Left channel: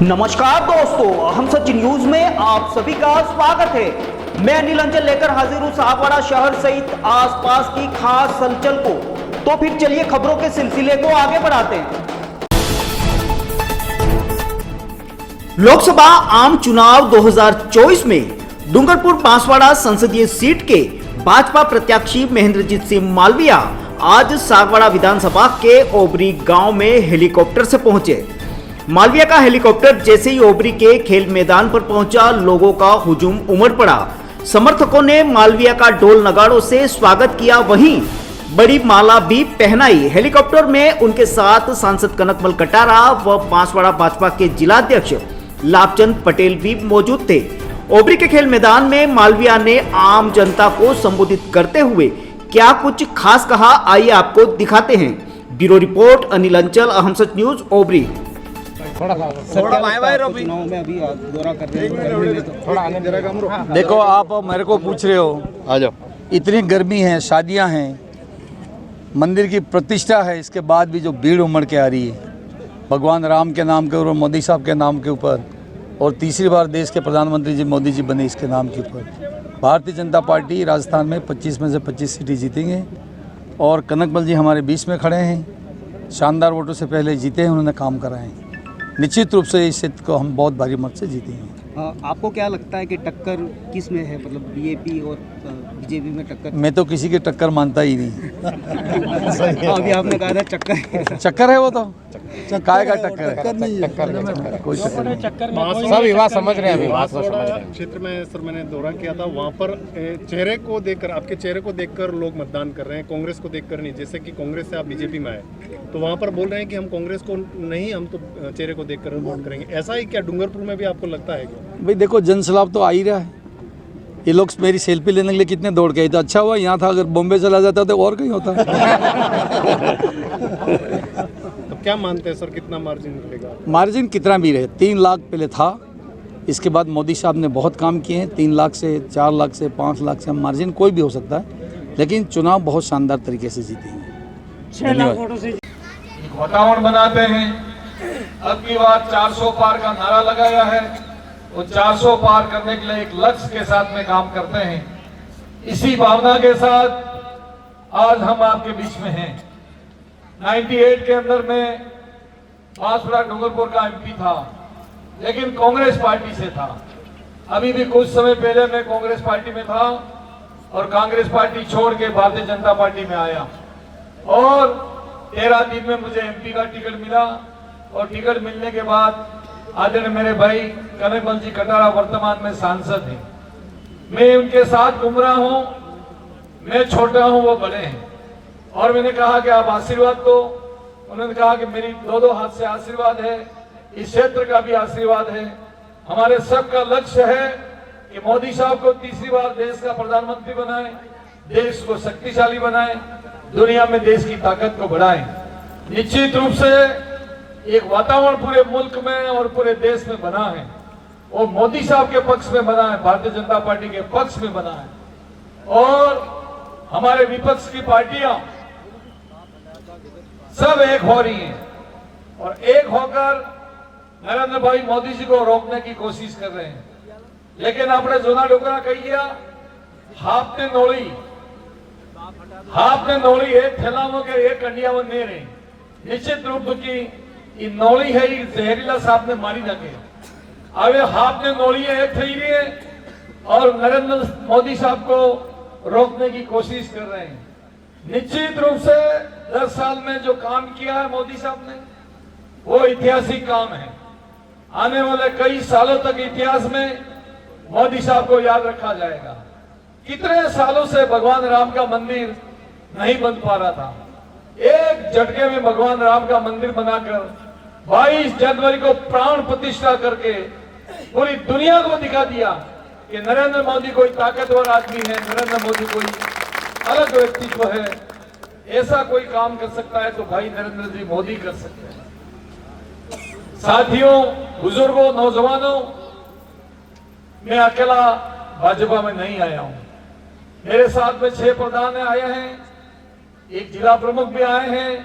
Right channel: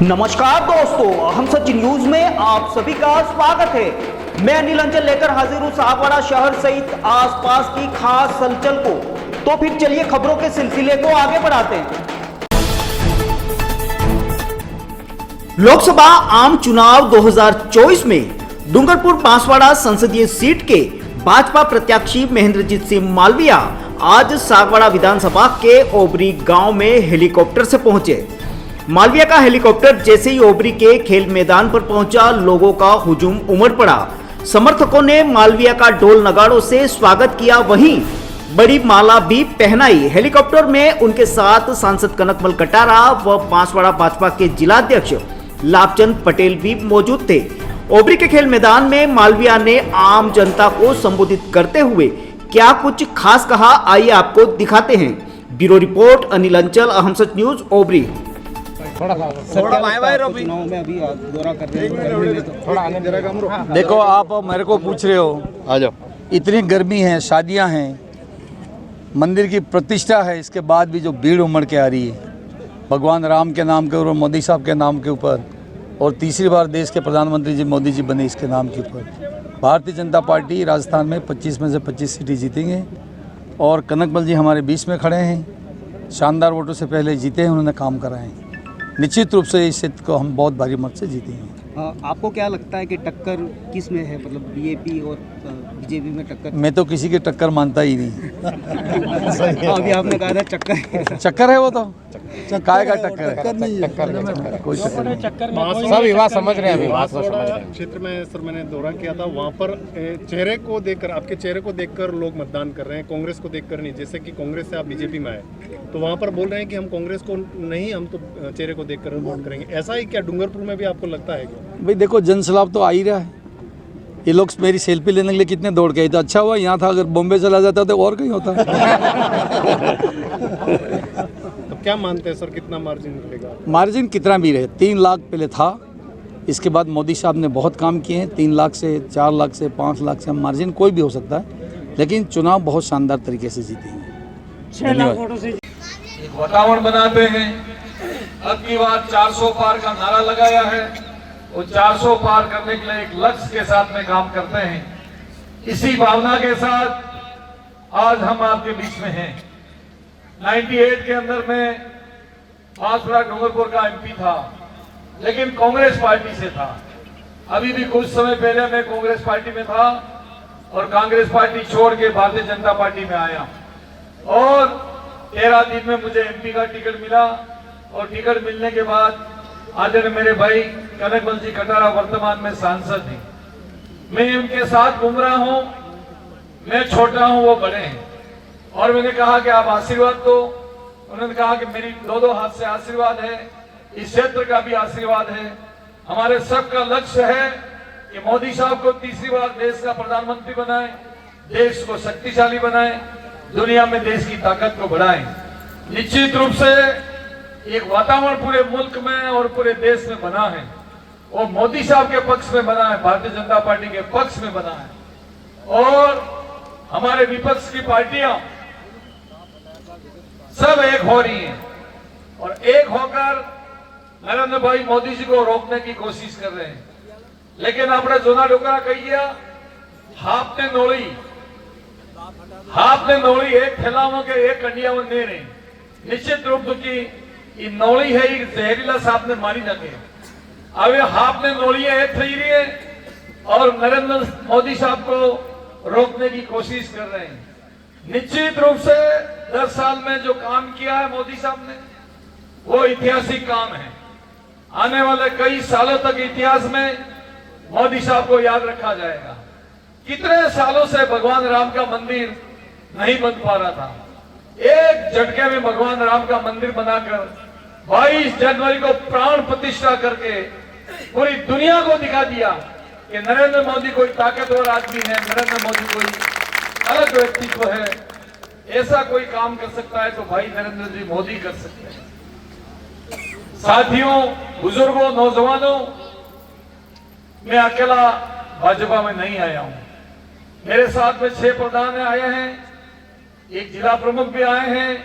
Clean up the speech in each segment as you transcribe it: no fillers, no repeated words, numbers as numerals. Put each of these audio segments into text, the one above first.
नमस्कार दोस्तों, हम सच न्यूज में आप सभी का स्वागत है। मैं अनिल अंचल लेकर हाजिर हूं सागवाड़ा शहर सहित आसपास की खास हलचल को। तो फिर चलिए खबरों के सिलसिले को आगे बढ़ाते हैं। लोकसभा आम चुनाव 2024 में डूंगरपुर बांसवाड़ा संसदीय सीट के भाजपा प्रत्याशी महेंद्रजीत सिंह मालविया आज सागवाड़ा विधानसभा के ओबरी गांव में हेलीकॉप्टर से पहुंचे। मालविया का हेलीकॉप्टर जैसे ही ओबरी के खेल मैदान पर पहुंचा, लोगों का हुजूम उमड़ पड़ा। समर्थकों ने मालविया का ढोल नगाड़ों से स्वागत किया, वहीं बड़ी माला भी पहनाई। हेलीकॉप्टर में उनके साथ सांसद कनकमल कटारा व बांसवाड़ा भाजपा के जिलाध्यक्ष लाभचंद पटेल भी मौजूद थे। ओबरी के खेल मैदान में मालविया ने आम जनता को संबोधित करते हुए क्या कुछ खास कहा, आइए आपको दिखाते हैं। ब्यूरो रिपोर्ट अनिल अंचल, अहम सच न्यूज, ओबरी। देखो, आप मेरे को पूछ रहे हो, आ जाओ। इतनी गर्मी है, शादियां हैं, मंदिर की प्रतिष्ठा है, इसके बाद भी जो भीड़ उमड़ के आ रही है भगवान राम के नाम के और मोदी साहब के नाम के ऊपर, और तीसरी बार देश के प्रधानमंत्री जी मोदी जी बने इसके नाम के ऊपर। भारतीय जनता पार्टी राजस्थान में 25 में से 25 सीटें जीतेंगे और कनकमल जी हमारे बीच में खड़े हैं। शानदार वोटों से पहले जीते हैं, उन्होंने काम कराए हैं। निश्चित रूप से इस सीट को हम बहुत भारी मत से जीतेंगे। आपको क्या लगता है कि टक्कर किस में है, मतलब बीजेपी और बीजेपी में टक्कर? मैं तो किसी की टक्कर मानता ही नहीं। अभी आपने कहा था चक्कर चक्कर है, वो तो काय का टक्कर है, कोई चक्कर नहीं। सब विवाद समझ रहे हैं। क्षेत्र में सर मैंने दौरा किया था, वहाँ पर चेहरे को देखकर, आपके चेहरे को देखकर लोग मतदान कर रहे हैं, कांग्रेस को देखकर नहीं। जैसे कि कांग्रेस से आप बीजेपी में आए तो वहाँ पर बोल रहे हैं कि हम कांग्रेस को नहीं, हम तो चेहरे को देखकर वोट करेंगे। ऐसा ही क्या डूंगरपुर में भी आपको लगता है क्या? भाई देखो, जनसलाब तो आ ही रहा है। ये लोग मेरी सेल्फी लेने के लिए कितने दौड़ के आए, तो अच्छा हुआ यहाँ था, अगर बॉम्बे चला जाता तो और कहीं होता। तो क्या मानते हैं सर, कितना मार्जिन निकलेगा? मार्जिन कितना भी रहे, 3 लाख पहले था, इसके बाद मोदी साहब ने बहुत काम किए हैं। 3 लाख से 4 लाख से 5 लाख से मार्जिन कोई भी हो सकता है, लेकिन चुनाव बहुत शानदार तरीके से जीतेंगे। 6 लाख वोटों से वातावरण बनाते हैं। अब की बार 400 पार का नारा लगाया है, और 400 पार करने के लिए एक लक्ष्य के साथ में काम करते हैं। इसी भावना के साथ आज हम आपके बीच में हैं। 98 के अंदर में बांसवाड़ा डूंगरपुर का एमपी था, लेकिन कांग्रेस पार्टी से था। अभी भी कुछ समय पहले मैं कांग्रेस पार्टी में था और कांग्रेस पार्टी छोड़ के भारतीय जनता पार्टी में आया, और 13 दिन में मुझे एमपी का टिकट मिला। और टिकट मिलने के बाद आदरणीय मेरे भाई कनकमल जी कटारा वर्तमान में सांसद हैं। मैं उनके साथ घूम रहा हूं, मैं छोटा हूं, वो बड़े हैं, और मैंने कहा कि आप आशीर्वाद दो। उन्होंने कहा कि मेरी 2 हाथ से आशीर्वाद है, इस क्षेत्र का भी आशीर्वाद है। हमारे सबका लक्ष्य है कि मोदी साहब को तीसरी बार देश का प्रधानमंत्री बनाए, देश को शक्तिशाली बनाए, दुनिया में देश की ताकत को बढ़ाएं। निश्चित रूप से एक वातावरण पूरे मुल्क में और पूरे देश में बना है, वो मोदी साहब के पक्ष में बना है, भारतीय जनता पार्टी के पक्ष में बना है। और हमारे विपक्ष की पार्टियां सब एक हो रही हैं और एक होकर नरेंद्र भाई मोदी जी को रोकने की कोशिश कर रहे हैं। लेकिन आपने जोना डोकरा कही गया, आपने नौड़ी एक थैलाओं के एक कंडियावन दे रहे। निश्चित रूप की नौड़ी है, जहरीला सांप ने मारी नके। अब आपने नौड़ी एक थी रही है और नरेंद्र मोदी साहब को रोकने की कोशिश कर रहे हैं। निश्चित रूप से 10 साल में जो काम किया है मोदी साहब ने, वो ऐतिहासिक काम है। आने वाले कई सालों तक इतिहास में मोदी साहब को याद रखा जाएगा। कितने सालों से भगवान राम का मंदिर नहीं बन पा रहा था, एक झटके में भगवान राम का मंदिर बनाकर 22 जनवरी को प्राण प्रतिष्ठा करके पूरी दुनिया को दिखा दिया कि नरेंद्र मोदी कोई ताकतवर आदमी है, नरेंद्र मोदी कोई अलग व्यक्तित्व है, ऐसा कोई काम कर सकता है तो भाई नरेंद्र जी मोदी कर सकते हैं। साथियों, बुजुर्गों, नौजवानों, मैं अकेला भाजपा में नहीं आया हूं। मेरे साथ में 6 प्रधान आए हैं, एक जिला प्रमुख भी आए हैं,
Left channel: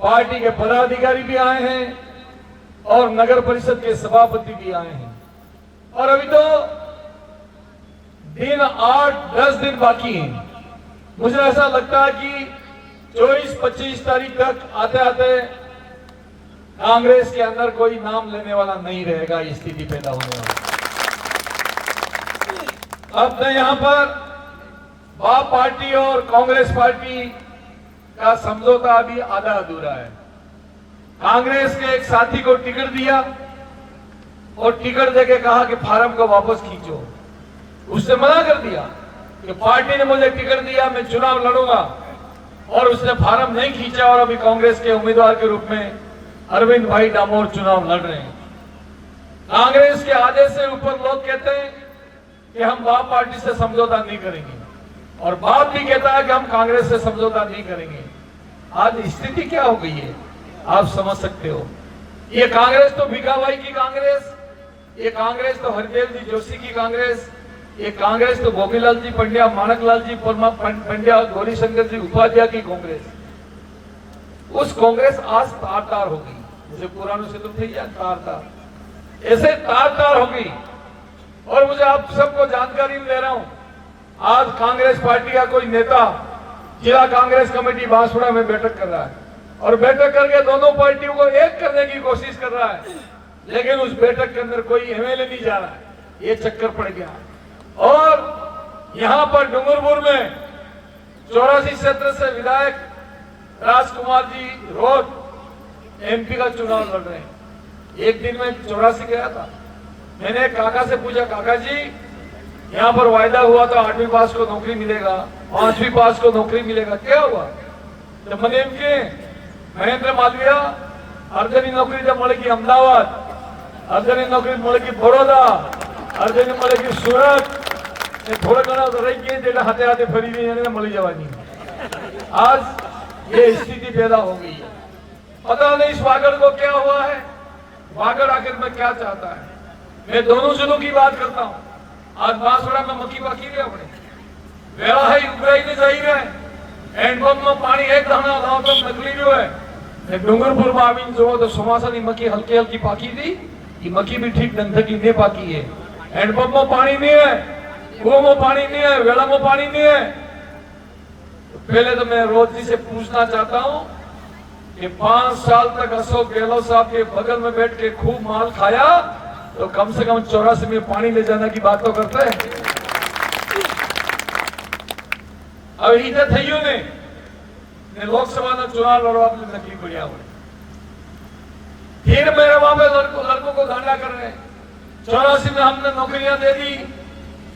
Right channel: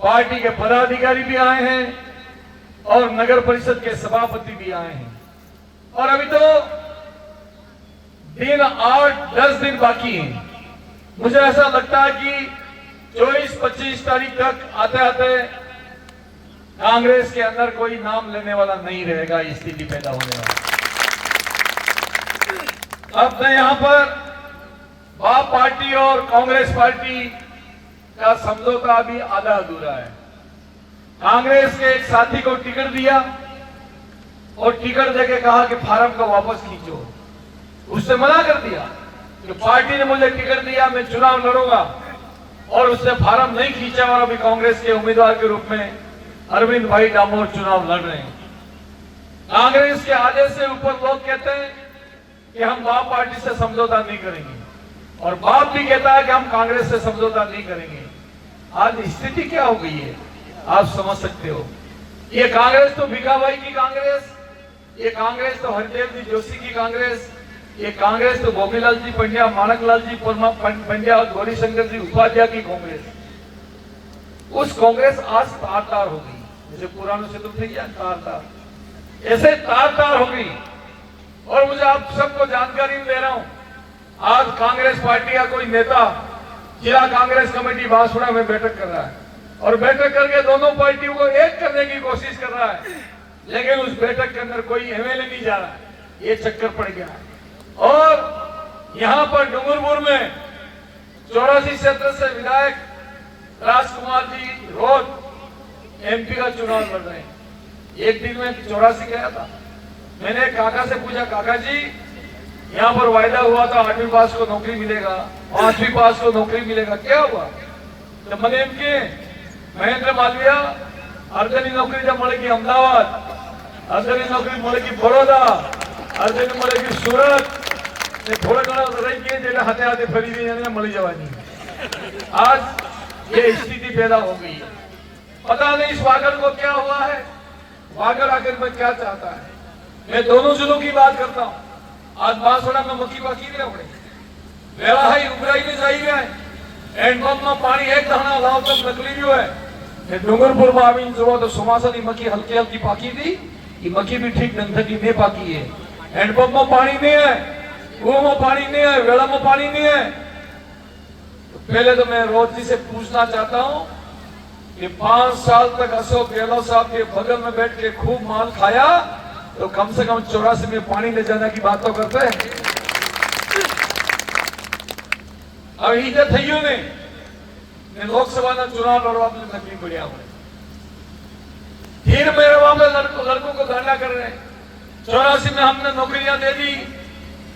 पार्टी के पदाधिकारी भी आए हैं और नगर परिषद के सभापति भी आए हैं। और अभी तो दिन 8-10 दिन बाकी हैं। मुझे ऐसा लगता है कि 24-25 तारीख तक आते आते कांग्रेस के अंदर कोई नाम लेने वाला नहीं रहेगा, स्थिति पैदा होने वाली। अब मैं यहां पर बाप पार्टी और कांग्रेस पार्टी का समझौता अभी आधा अधूरा है। कांग्रेस के एक साथी को टिकट दिया और टिकट देके कहा कि फार्म को वापस खींचो। उसने मना कर दिया कि पार्टी ने मुझे टिकट दिया, मैं चुनाव लड़ूंगा, और उसने फार्म नहीं खींचा और अभी कांग्रेस के उम्मीदवार के रूप में अरविंद भाई डामोर चुनाव लड़ रहे हैं। कांग्रेस के आदेश से ऊपर लोग कहते हैं कि हम बाप पार्टी से समझौता नहीं करेंगे और बाप भी कहता है कि हम कांग्रेस से समझौता नहीं करेंगे। आज स्थिति क्या हो गई है आप समझ सकते हो। ये कांग्रेस तो भीखाबाई की कांग्रेस, ये कांग्रेस तो हरिदेव जी जोशी की कांग्रेस, ये कांग्रेस तो गोपीलाल जी पंड्या, माणकलाल जी पंड्या और गौरीशंकर जी उपाध्याय की कांग्रेस। उस कांग्रेस आज तार हो गई, जैसे पुराने से तो थे तार, ऐसे तार हो गई। और मुझे आप सबको जानकारी दे रहा हूं, आज कांग्रेस पार्टी का कोई नेता जिला कांग्रेस कमेटी बांसवाड़ा में बैठक कर रहा है और बैठक करके दोनों पार्टियों को एक करने की कोशिश कर रहा है, लेकिन उस बैठक के अंदर कोई एमएलए नहीं जा रहा है। ये चक्कर पड़ गया। और यहां पर डूंगरपुर में 84 क्षेत्र से विधायक राजकुमार जी रोज एमपी का चुनाव लड़ रहे हैं। एक दिन में 84 गया था। मैंने काका से पूछा, काका जी यहाँ पर वायदा हुआ था 8वीं पास को नौकरी मिलेगा, 5वीं पास को नौकरी मिलेगा, क्या हुआ? तो मैंने एमके महेंद्र मालविया अर्धनी नौकरी जब मिलेगी अहमदाबाद, अर्धनी नौकरी मिलेगी बड़ौदा, अर्धनी मिलेगी सूरत, थोड़ा घना तो रही गए जेटा हाथे हाथे फरी गई मिली जवानी। आज ये स्थिति पैदा हो गई है। पता नहीं इस वागर को क्या हुआ है, वागर आखिर में क्या चाहता है। मैं दोनों जिलों की बात करता हूँ। आज बांसवाड़ा में मक्की बाकी है, अपने व्यवहार उगाई जाहिर है, हैंडपंप में पानी एक धरना गांव तो नकली जो है। डूंगरपुर में आवी जो तो सुमासनी मक्की हल्की हल्की पाकी थी, कि मक्की भी ठीक ढंग की नहीं पाकी है। हैंडपंप में पानी नहीं है, कुओं में पानी नहीं है, वेड़ा में पानी नहीं है। तो पहले तो मैं रोज जी से पूछना चाहता हूँ कि 5 साल तक अशोक गहलोत साहब के बगल में बैठ के खूब माल खाया, तो कम से कम 84 में पानी ले जाने की बात तो करते हैं। अब इधर थईयो ने लोकसभा में चुनाव लड़वा नकली बढ़िया। फिर मेरे वहां पे लड़कों को धरना कर रहे हैं। 84 में हमने नौकरियां दे दी,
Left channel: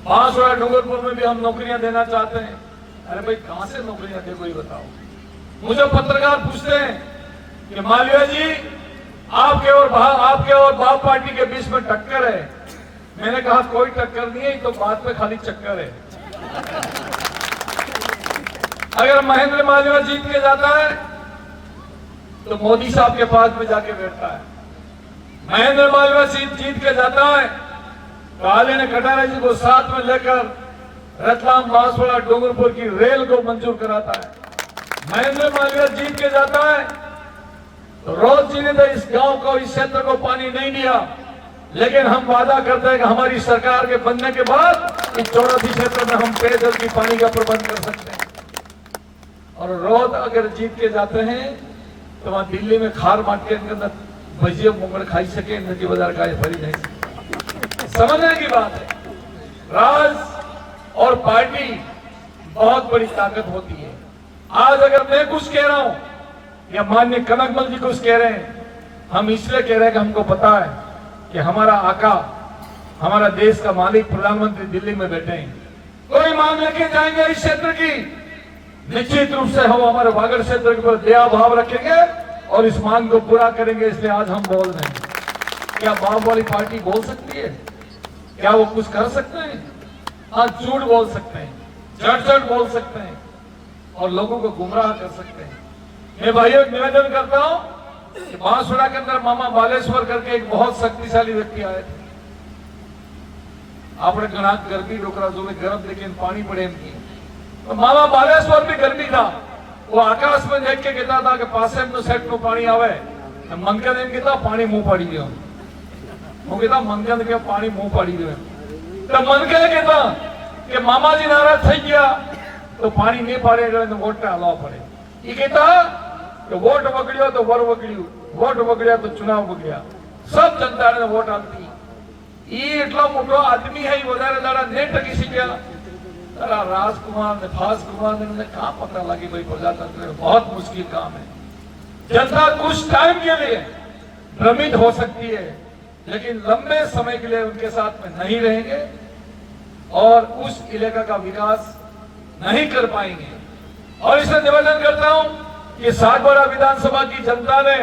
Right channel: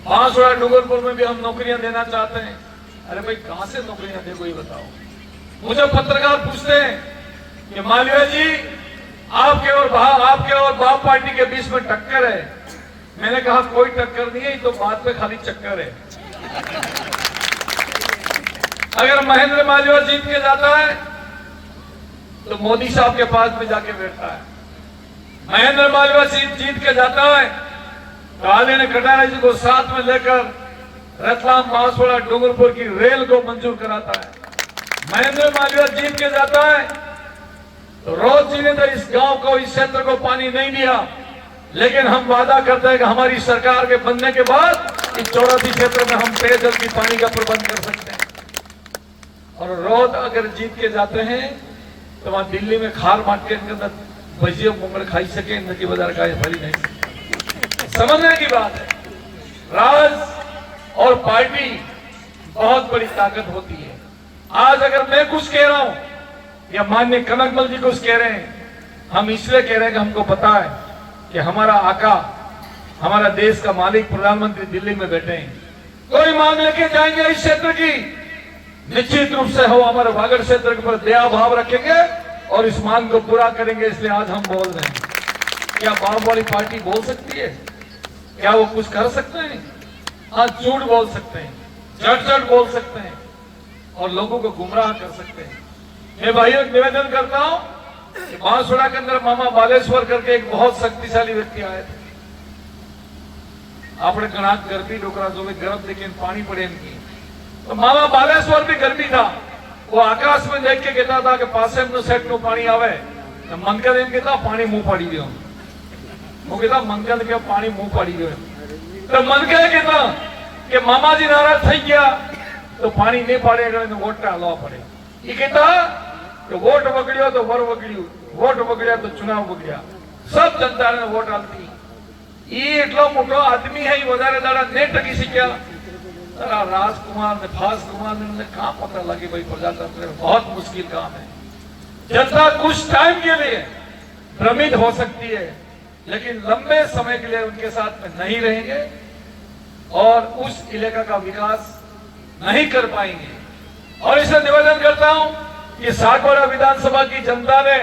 बांसवाड़ा डूंगरपुर में भी हम नौकरियां देना चाहते हैं। अरे भाई कहां से नौकरियां दे, कोई बताओ। मुझे पत्रकार पूछते हैं कि मालविया जी आपके और बाप पार्टी के बीच में टक्कर है। मैंने कहा कोई टक्कर नहीं है, तो बात पे खाली चक्कर है। अगर महेंद्र मालविया जीत के जाता है तो मोदी साहब के पास में जाके बैठता है। महेंद्र मालविया जीत के जाता है तो आदरणीय कटारिया जी को साथ में लेकर रतलाम बांसवाड़ा डूंगरपुर की रेल को मंजूर कराता है। महेंद्र मालविया जीत के जाता है तो रोज जी ने तो इस गांव को, इस क्षेत्र को पानी नहीं दिया, लेकिन हम वादा करते हैं कि हमारी सरकार के बनने के बाद इस 84 क्षेत्र में हम पेयजल की पानी का प्रबंध कर सकते हैं। और रोज अगर जीत के जाते हैं तो वहां दिल्ली में खार मार्केट के अंदर भजिया मुंगड़ खाई सके, नकी बाजार का भरी नहीं। समझने की बात है, राज और पार्टी बहुत बड़ी ताकत होती है। आज अगर मैं कुछ कह रहा हूं या माननीय कनकमल जी कुछ कह रहे हैं, हम इसलिए कह रहे हैं कि हमको पता है कि हमारा आका, हमारा देश का मालिक प्रधानमंत्री दिल्ली में बैठे हैं। कोई मांग लेके जाएंगे इस क्षेत्र की, निश्चित रूप से हम हमारे वागड़ क्षेत्र के ऊपर दया भाव रखेंगे और इस मांग को पूरा करेंगे। इसलिए आज हम बोल रहे हैं। क्या बाप वाली पार्टी बोल सकती है? क्या वो कुछ कर सकते हैं? हाँ, झूठ बोल सकते हैं, झट बोल सकते हैं और लोगों को गुमराह कर सकते हैं। मैं भाइयों निवेदन करता हूं कि बांसवाड़ा के अंदर मामा बालेश्वर करके एक बहुत शक्तिशाली व्यक्ति आए थे। आपने घना गर्मी रोका जो गर्म लेकिन पानी पड़े इनकी, तो मामा बालेश्वर भी गर्मी था। वो आकाश में देख के कहता था कि पासे में सेट में पानी आवे तो मंगन एम कहता पानी मुंह पाड़ी दो। वो कहता मंगन के पानी मुंह पाड़ी दो तो मंगन कहता कि मामा जी नाराज થઈ ગયા तो पानी नहीं पाड़े तो वोट डालवा पड़े। ये कहता कि वोट बगड़ियो तो वर बगड़ियो, वोट बगड़िया तो चुनाव बगड़िया, सब जनता ने वोट आलती। ये એટલો મોટો આદમી है, વધારે દાડા નહીં ટકી શક્યા। राजकुमार ने फासकुमार ने कहाँ पता लगी भाई प्रजातंत्र बहुत मुश्किल काम है। जनता कुछ टाइम के लिए भ्रमित हो सकती है लेकिन लंबे समय के लिए उनके साथ में नहीं रहेंगे और उस इलाका का विकास नहीं कर पाएंगे। और इसे निवेदन करता हूं कि सागवाड़ा विधानसभा की जनता ने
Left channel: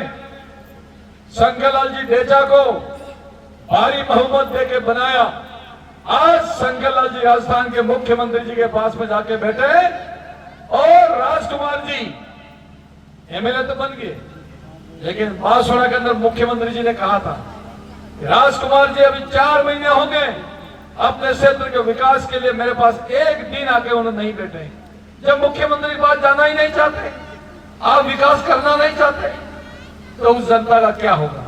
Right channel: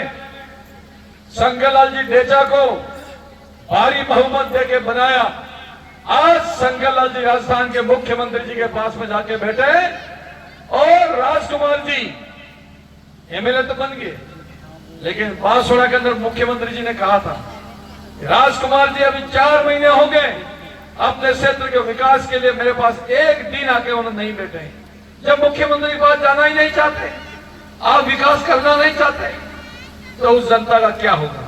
शंकरलाल जी डेचा को भारी बहुमत देके बनाया। आज शंकरलाल जी राजस्थान के मुख्यमंत्री जी के पास में जाके बैठे और राजकुमार जी एमएलए तो बन गए, लेकिन बांसवाड़ा के अंदर मुख्यमंत्री जी ने कहा था राजकुमार जी अभी 4 महीने होंगे अपने क्षेत्र के विकास के लिए मेरे पास एक दिन आके उन्हें नहीं बैठे। जब मुख्यमंत्री के पास जाना ही नहीं चाहते, आप विकास करना नहीं चाहते, तो उस जनता का क्या होगा?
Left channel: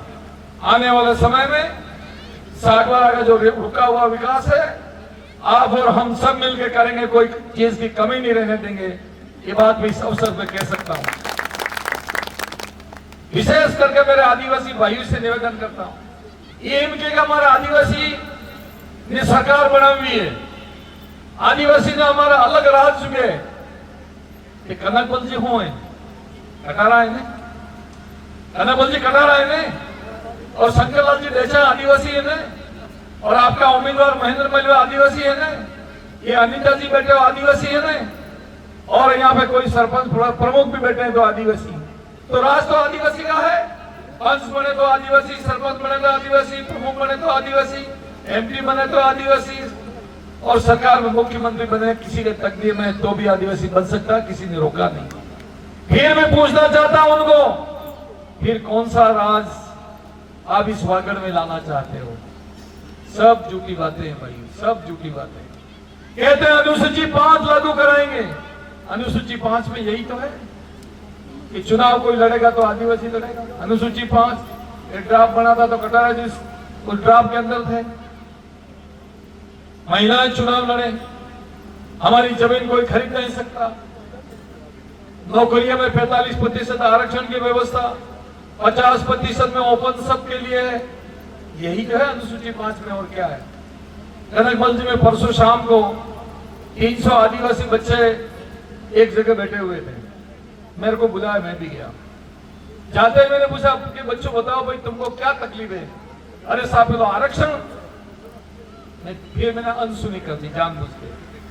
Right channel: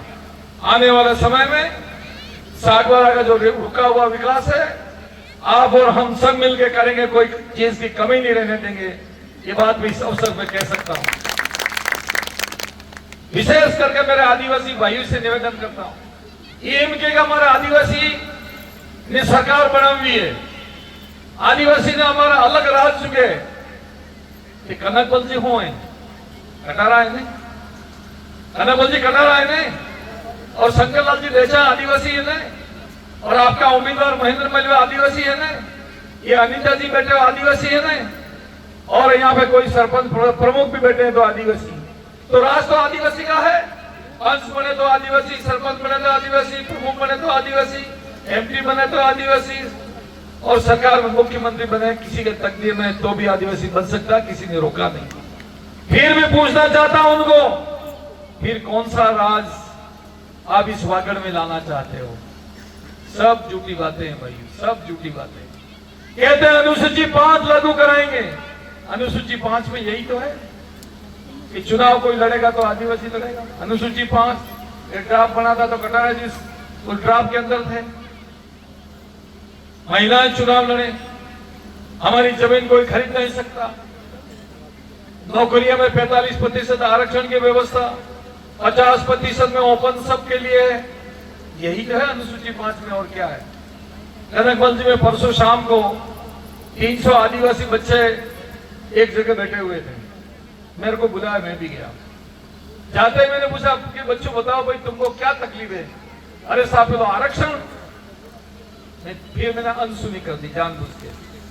आने वाले समय में सागवाड़ा का जो रुका हुआ विकास है आप और हम सब मिलकर करेंगे, कोई चीज की कमी नहीं रहने देंगे। ये बात भी इस अवसर पे कह सकता हूं। विशेष करके मेरे आदिवासी भाइयों से निवेदन करता हूं, ये इनके हमारा आदिवासी ने सरकार बनावी है, आदिवासी ने हमारा अलग राज चुके कि कनकबल जी हो कटारा है नहीं, कनकबल जी कटारा है नहीं और शंकरलाल जी डेचा आदिवासी है ने और आपका उम्मीदवार महेंद्र पहलवा आदिवासी है ने, ये अनिता जी बैठे आदिवासी है ने और यहाँ पे कोई सरपंच प्रमुख भी बैठे हैं तो आदिवासी। तो राज तो आदिवासी का है, पंच बने तो आदिवासी, सरपंच बने तो आदिवासी, प्रमुख बने तो आदिवासी, एमपी बने तो आदिवासी और सरकार में मुख्यमंत्री बने किसी के तकदीर में तो भी आदिवासी बन सकता, किसी ने रोका नहीं। फिर भी पूछना चाहता हूं उनको, फिर कौन सा राज आप इस वागड़ में लाना चाहते हो? सब झूठी बातें हैं भाई, सब झूठी बातें। कहते हैं अनुसूची 5 लागू कराएंगे, अनुसूची 5 में यही तो है कि चुनाव कोई लड़ेगा तो आदिवासी लड़ेगा। अनुसूची 5 एक ड्राफ्ट बना था तो कटारा जी उस ड्राफ्ट के अंदर थे, महिलाएं चुनाव लड़े, हमारी जमीन कोई खरीद नहीं सकता, नौकरियों में 45% आरक्षण की व्यवस्था, 50% में ओपन सबके लिए है, यही तो है अनुसूची 5 में। और क्या है? कनकबल जी में परसों शाम को 300 आदिवासी बच्चे एक जगह बैठे हुए थे, मेरे को बुलाया, मैं भी गया। जाते मैंने पूछा कि बच्चों बताओ भाई तुमको क्या तकलीफ है? अरे साहब तो आरक्षण। फिर मैंने अनसुनी कर दी जानबूझ के,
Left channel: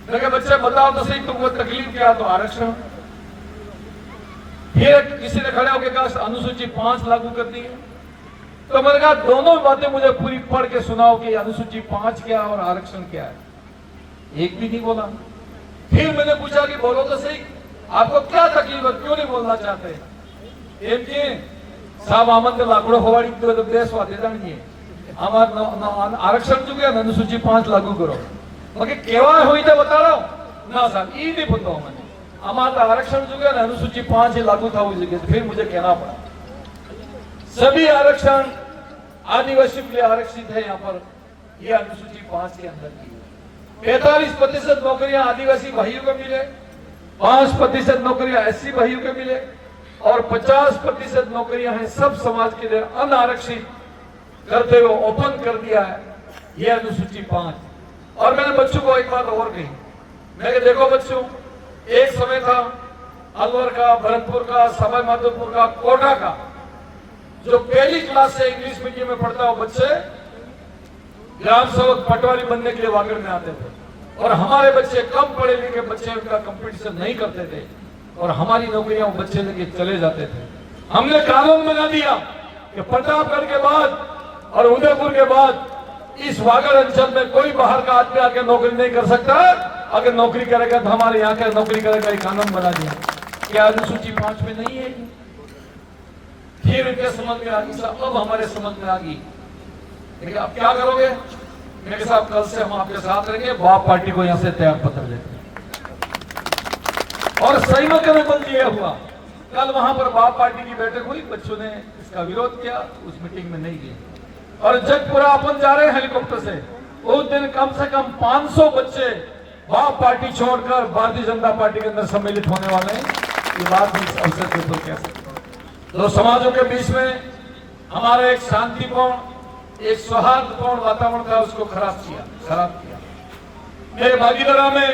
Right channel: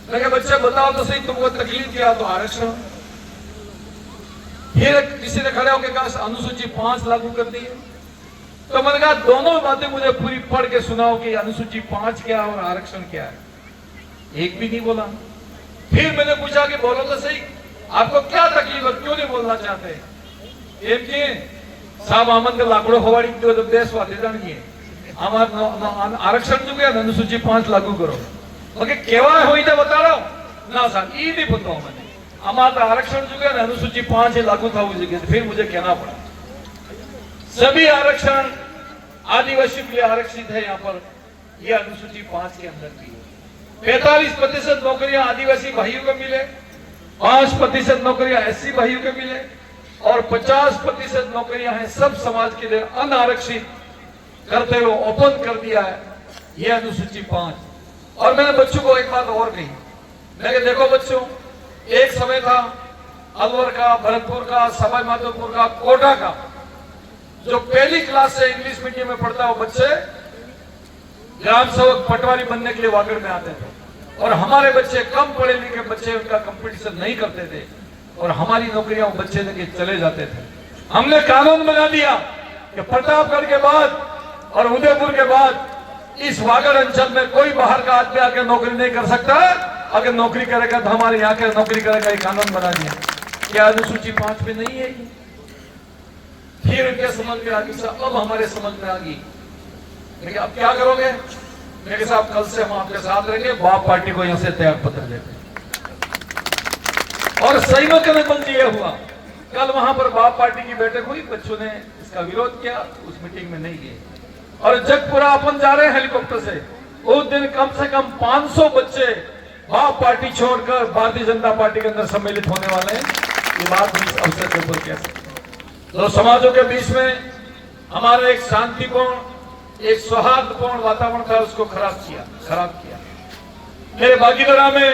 मेरे बच्चे बताओ तो सही तुमको तकलीफ क्या? तो आरक्षण। फिर किसी ने खड़े होकर कहा अनुसूची 5 लागू कर दी है, तो मैंने कहा दोनों बातें मुझे पूरी पढ़ के सुनाओ कि अनुसूची 5 क्या है और आरक्षण क्या है। एक भी नहीं बोला। फिर मैंने पूछा कि बोलो तो सही आपको क्या तकलीफ है, क्यों नहीं बोलना चाहते? साहब आमद के लाकड़ो होवाड़ी तो देश वाते नहीं आरक्षण चुके अनुसूची 5 लागू करो बाकी केवा हुई तो बता रहा ना साहब ये नहीं पूछो मैंने हमारा आरक्षण चुके अनुसूची 5 लागू था हुई जगह। फिर मुझे कहना पड़ा सभी आरक्षण आदिवासी के लिए आरक्षित है। यहाँ पर यह अनुसूची 5 के अंदर की 45% नौकरियां आदिवासी भाइयों को मिले, 5% नौकरियां एससी भाइयों को मिले और 50% नौकरियां हैं सब समाज के लिए अनारक्षित करते हुए ओपन कर दिया है यह अनुसूची 5। और मैंने बच्चों को एक बात और कही, मैंने देखो बच्चों एक समय था अलवर का, भरतपुर का, सवाई माधोपुर का, कोटा का जो पहली क्लास से इंग्लिश मीडियम में पढ़ता हो बच्चे ग्राम सेवक पटवारी बनने के लिए वागड़ में आते थे और हमारे बच्चे कम पढ़े लिखे बच्चे उनका कंपटीशन नहीं करते थे और हमारी नौकरियां बच्चे लेके चले जाते थे। हमने कानून बना दिया कि प्रतापगढ़ के बाद और उदयपुर के बाद इस वागड़ अंचल में कोई बाहर का आदमी आके नौकरी नहीं कर सकता। अगर नौकरी करेगा तो हमारे यहाँ के नौकरी करेगा, एक कानून बना दिया। क्या अनुसूची 5 में नहीं है? फिर इनके समझ में आ गई, सब अब हमारे समझ में आ गई। लेकिन अब क्या करोगे? मेरे साथ कल से हम आपके साथ रहेंगे, बाप पार्टी को यहाँ से त्याग पत्र देते हैं। और सही में कदम दिया हुआ, कल वहां पर बाप पार्टी की बैठक हुई, बच्चों ने इसका विरोध किया, उस मीटिंग में नहीं गए। और जगपुरा अपन जा रहे हैं हेलीकॉप्टर से, उस दिन कम से कम 500 बच्चे बाप पार्टी छोड़कर भारतीय जनता पार्टी के अंदर सम्मिलित होने वाले हैं। ये बात इस अवसर के ऊपर कह सकते हैं। तो समाजों के बीच में हमारा एक शांतिपूर्ण, एक सौहार्दपूर्ण वातावरण था, उसको खराब किया। मेरे भागीदारा में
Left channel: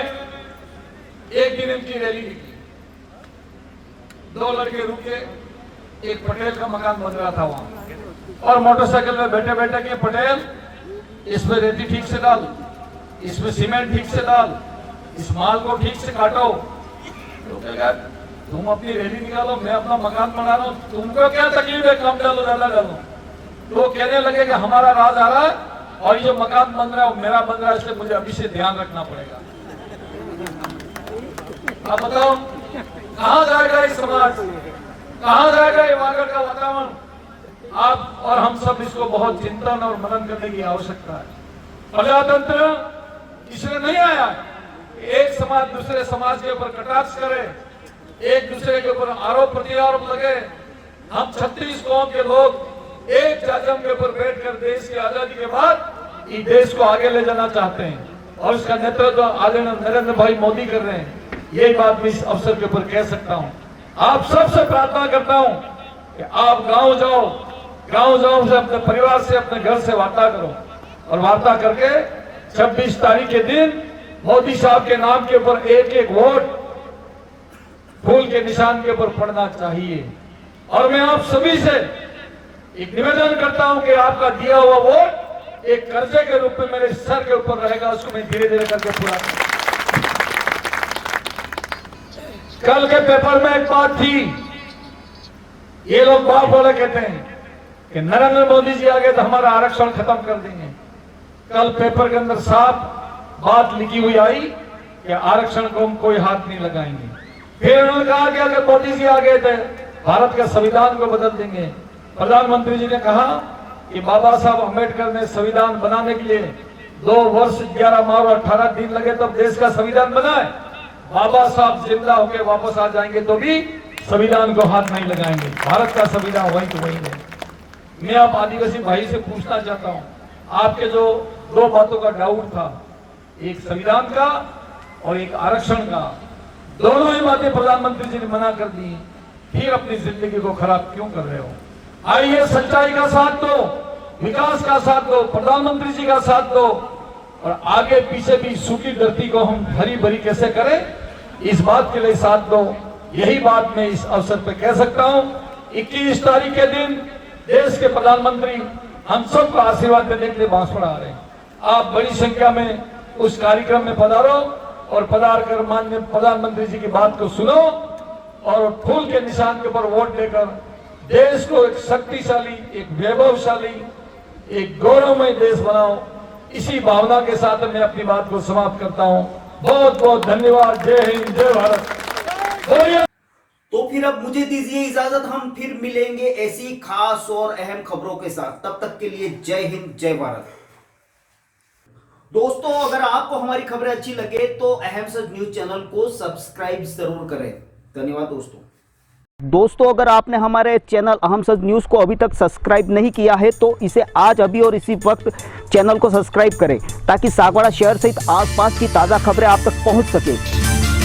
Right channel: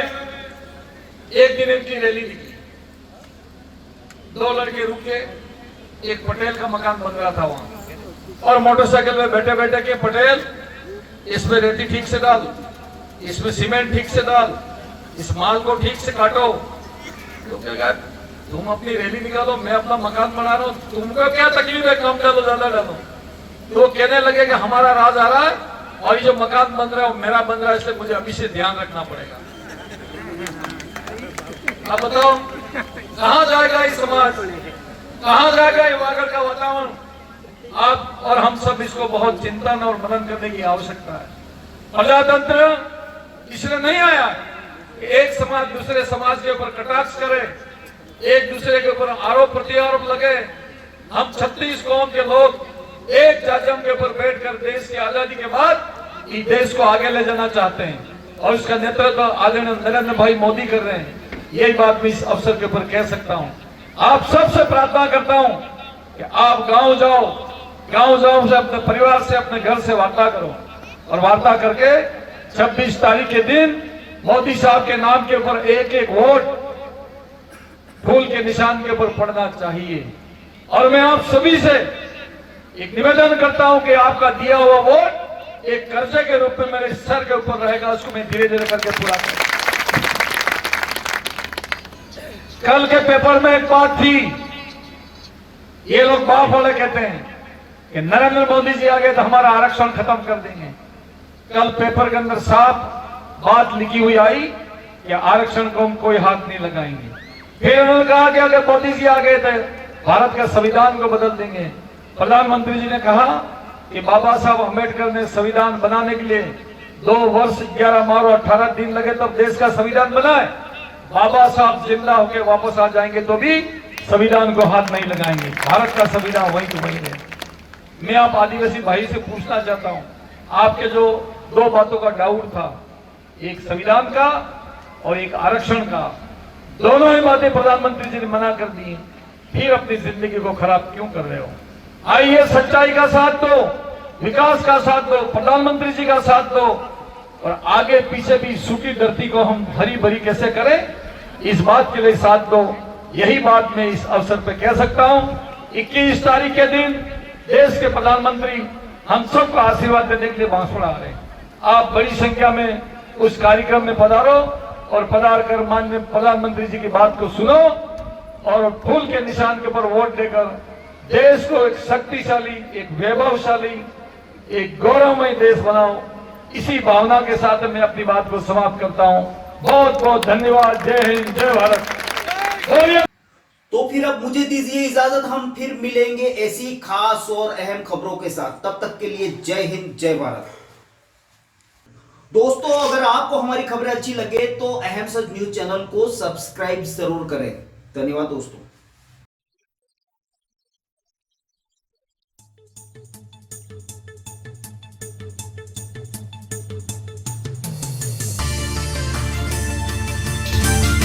एक दिन इनकी रैली निकली, 2 लड़के रुके, एक पटेल का मकान बन रहा था वहां, और मोटरसाइकिल में बैठे बैठे के पटेल इसमें रेती ठीक से डाल, इसमें सीमेंट ठीक से डाल, इस माल को ठीक से काटो। तो कहेगा तुम अपनी रैली निकालो, मैं अपना मकान बना रहा हूं, तुमको क्या तकलीफ है, कम डालो ज्यादा डालो। तो वो कहने लगे कि हमारा राज आ रहा है और ये जो मकान बन रहा है मेरा बन रहा है, इसलिए मुझे अभी से ध्यान रखना पड़ेगा। आप बताओ कहां जाएगा ये समाज, कहां जाएगा ये वागड़ का वातावरण? आप और हम सब इसको बहुत चिंतन और मनन करने की आवश्यकता है। प्रजातंत्र इसलिए नहीं आया कि एक समाज दूसरे समाज के ऊपर कटाक्ष करे, एक दूसरे के ऊपर आरोप प्रत्यारोप लगे। हम 36 कौम के लोग एक जाजम के ऊपर बैठकर देश की आजादी के बाद इस देश को आगे ले जाना चाहते हैं, और उसका नेतृत्व आदरणीय नरेंद्र भाई मोदी कर रहे हैं। यही बात मैं इस अवसर के ऊपर कह सकता हूं। आप सबसे प्रार्थना करता हूं कि आप गांव जाओ से अपने परिवार से, अपने घर से वार्ता करो, और वार्ता करके 26 तारीख के दिन मोदी साहब के नाम के ऊपर एक वोट फूल के निशान के ऊपर पड़ना चाहिए। और मैं आप सभी से एक निवेदन करता हूं कि आपका दिया हुआ वोट एक कर्जे के रूप में मेरे सर के ऊपर रहेगा, उसको मैं धीरे धीरे करके पूरा करूंगा। कल के पेपर में एक बात थी, ये लोग बाप वाले कहते हैं कि नरेंद्र मोदी जी आ गए तो हमारा आरक्षण खत्म कर देंगे। कल पेपर के अंदर साफ बात लिखी हुई आई कि आरक्षण को हम कोई हाथ नहीं लगाएंगे। फिर उन्होंने कहा कि अगर मोदी जी आ गए थे भारत का संविधान को बदल देंगे। प्रधानमंत्री जी ने कहा कि बाबा साहब अम्बेडकर ने संविधान बनाने के लिए 2 वर्ष 11 माह और 18 दिन लगे तो देश का संविधान बना है। बाबा साहब जिंदा होकर वापस आ जाएंगे तो भी संविधान को हाथ नहीं लगाएंगे, भारत का संविधान वही तो वही है। मैं आप आदिवासी भाई से पूछना चाहता हूं, आपके जो 2 बातों का डाउट था, एक संविधान का और एक आरक्षण का, दोनों ही बातें प्रधानमंत्री जी ने मना कर दी, फिर अपनी जिंदगी को खराब क्यों कर रहे हो? आइए सच्चाई का साथ दो, विकास का साथ दो, प्रधानमंत्री जी का साथ दो, और आगे पीछे भी सूखी धरती को हम हरी भरी कैसे करें, इस बात के लिए साथ दो। यही बात मैं इस अवसर पर कह सकता हूं। 21 तारीख के दिन देश के प्रधानमंत्री हम सबको आशीर्वाद देने के लिए बांसवाड़ा आ रहे हैं। आप बड़ी संख्या में उस कार्यक्रम में पधारो और पधार कर माननीय प्रधानमंत्री जी की बात को सुनो, और फूल के निशान के ऊपर वोट देकर देश को एक शक्तिशाली, एक वैभवशाली, एक गौरवमय देश बनाओ। इसी भावना के साथ मैं अपनी बात को समाप्त करता हूं। बहुत बहुत धन्यवाद। जय हिंद, जय भारत। तो फिर अब मुझे दीजिए इजाजत, हम फिर मिलेंगे ऐसी खास और अहम खबरों के साथ। तब तक के लिए जय हिंद, जय भारत। दोस्तों, अगर आपको हमारी खबरें अच्छी लगे तो अहम सच न्यूज चैनल को सब्सक्राइब जरूर करें। धन्यवाद दोस्तों, अगर आपने हमारे चैनल अहम सच न्यूज को अभी तक सब्सक्राइब नहीं किया है तो इसे आज अभी और इसी वक्त चैनल को सब्सक्राइब करें, ताकि सागवाड़ा शहर सहित आसपास की ताजा खबरें आप तक पहुंच सके।